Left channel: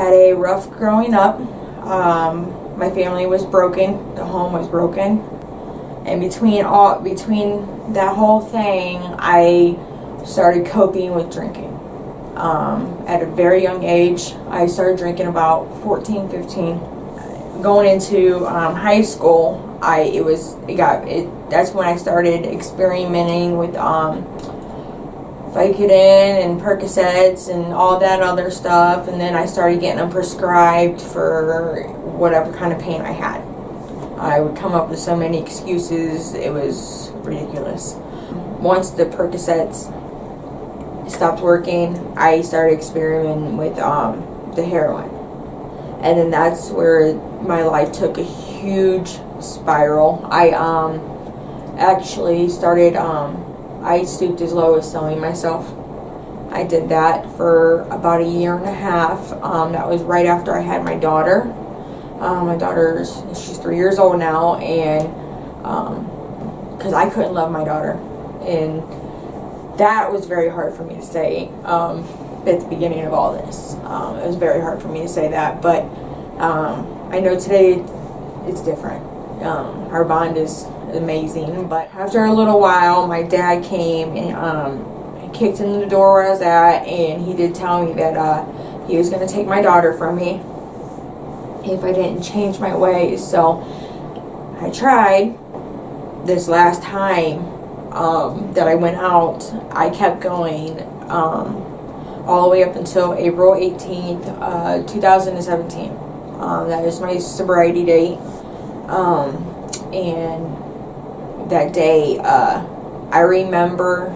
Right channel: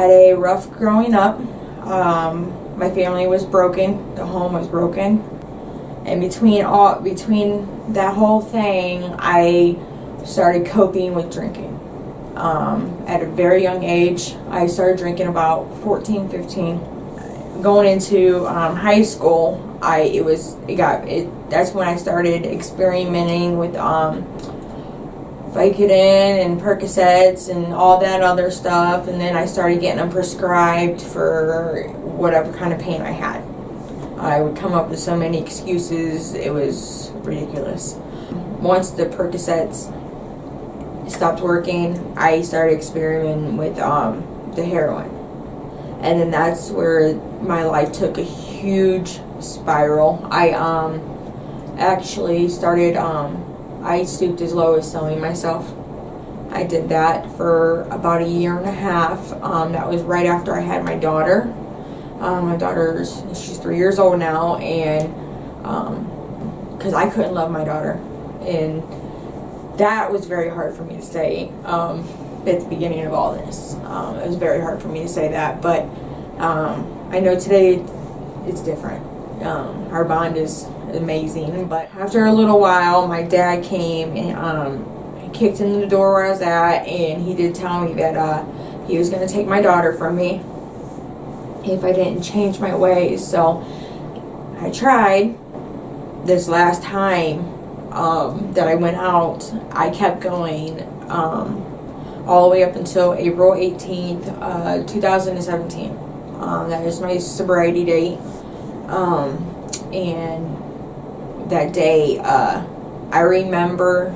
had a rough growing up. My family was broken. The home was broken. And between that whole thing, I started coping with drinking. At a very young age, I started drinking about 14, 15. Going into high school, that's when I started experimenting with Vicodin and Percocets and all that other stuff, and then I started getting them prescribed for whatever kind of pain I had. I would come up with so many excuses, it was ridiculous. Once the Percocets stopped working, I started experimenting with the heroin. And then that's where my life took a huge spiral. I actually started, I stooped as low as selling myself. I did that for about a year and a half. That was right after I had my daughter. My she's 3 years old now, and because I couldn't love my daughter. And that was very hard for me to say at the beginning of all this. It was very hard for me to say that, but I know today it's different. Our bond is amazing, but after a little while, my dad came and kicked in the door where I was at, and he did tell me that he was going to take my daughter from me if I didn't change my ways. So I tried. This last time that I went out, I kept going all the way up until April 18th, 2017. That was my sobriety date. And that day, I remember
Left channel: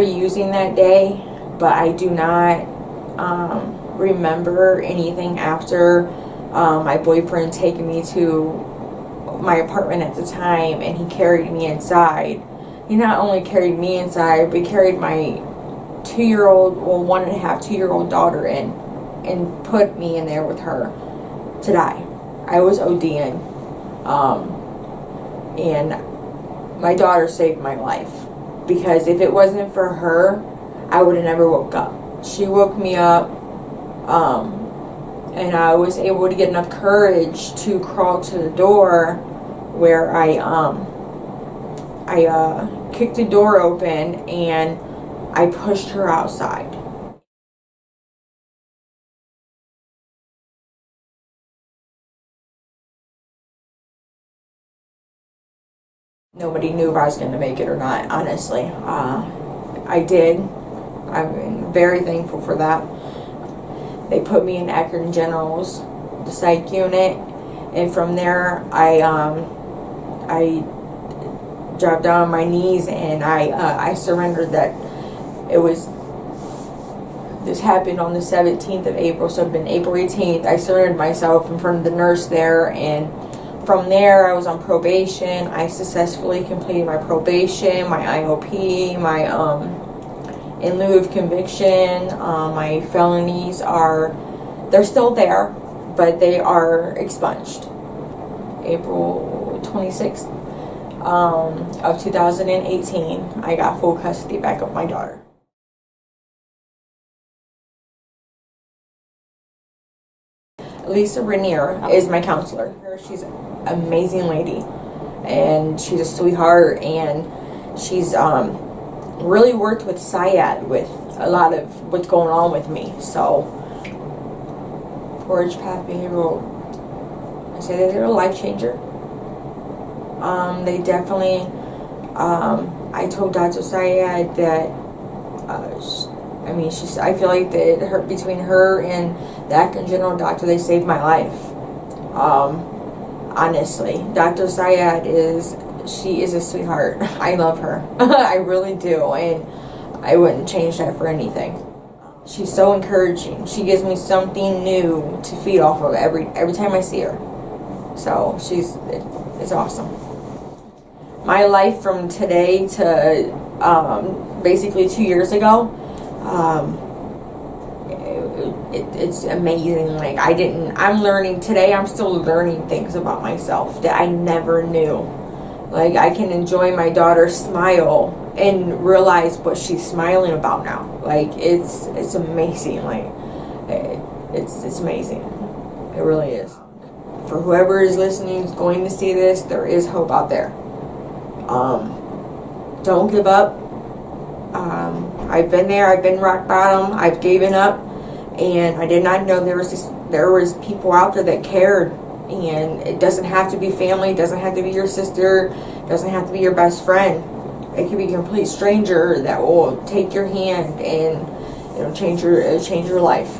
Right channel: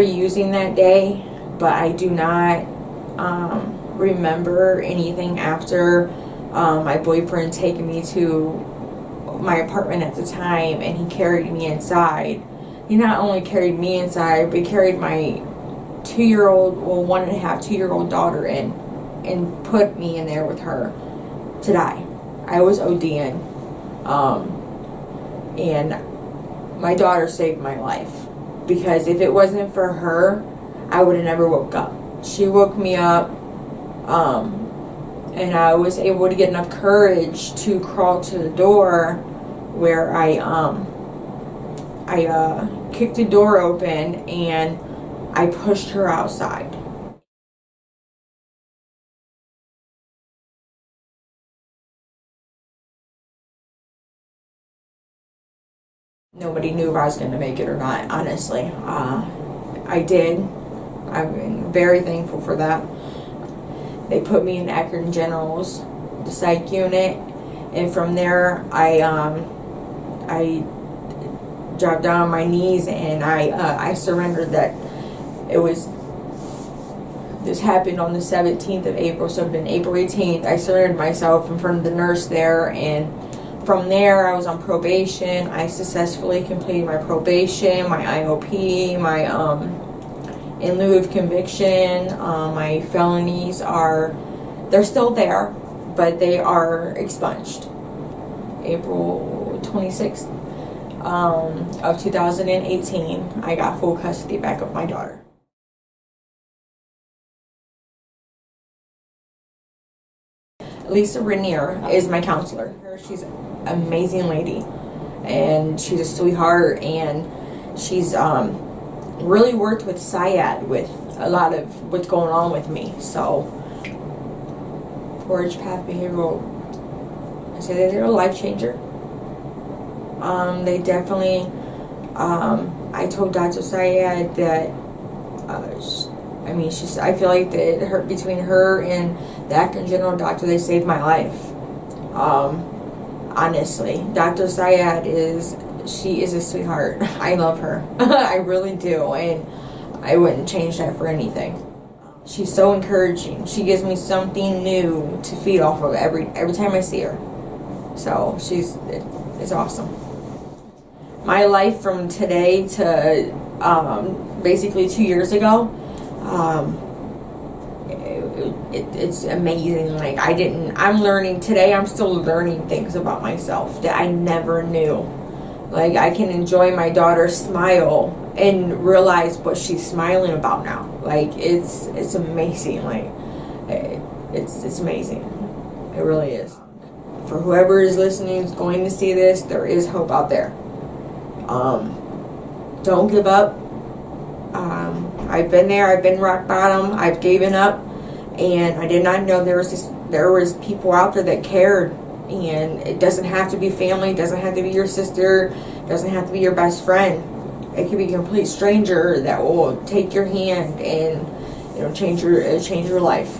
using that day, but I do not remember anything after my boyfriend taking me to my apartment at the time, and he carried me inside. He not only carried me inside, but he carried my 2-year-old daughter in and put me in there with her to die. I was ODing. And my daughter saved my life, because if it wasn't for her, I would have never woke up. She woke me up, and I was able to get enough courage to crawl to the door, where I kicked the door open and I pushed her outside. Nobody knew if I was going to make it or not, honestly. I did. I'm very thankful for that. They put me in Akron General's, the psych unit, and from there I dropped down on my knees, and I surrendered. That this happened on the 17th of April, so it had been April 18th. I surrendered myself in front of the nurse there, and from there, I was on probation. I successfully completed my probation, my IOP, my in lieu of conviction. My felonies they're still there, but they are expunged. April 26th of 2018, I got full custody back of my daughter. Lisa Rainier is my counselor. She's an amazing lady, and she's a sweetheart, and she's really worked with SIAD with a lot of what's going on with me. So Portage Path Behavioral, I say that they're a life changer. They definitely, I told Dr. SIAD that I feel like that between her and the Akron General doctor, they saved my life. Honestly, Dr. SIAD is a sweetheart. I love her. I really do, and I wouldn't change that for anything. She's so encouraging. She gives me something new to feed off of every time I see her. So it's awesome. My life from today to basically 2 years ago, it's amazing. Like I'm learning today. I'm still learning things about myself that I never knew. Like, I can enjoy my daughter's smile and realize what she's smiling about now. Like, it's amazing. Like, It's amazing. It really is. For whoever is listening, is going to see this, there is hope out there. Don't give up. I've been there. I've been rock bottom. I've given up, and I did not know there was people out there that cared. And it doesn't have to be family. It doesn't have to be your sister. It doesn't have to be your best friend. It could be a complete stranger that will take your hand and change your life.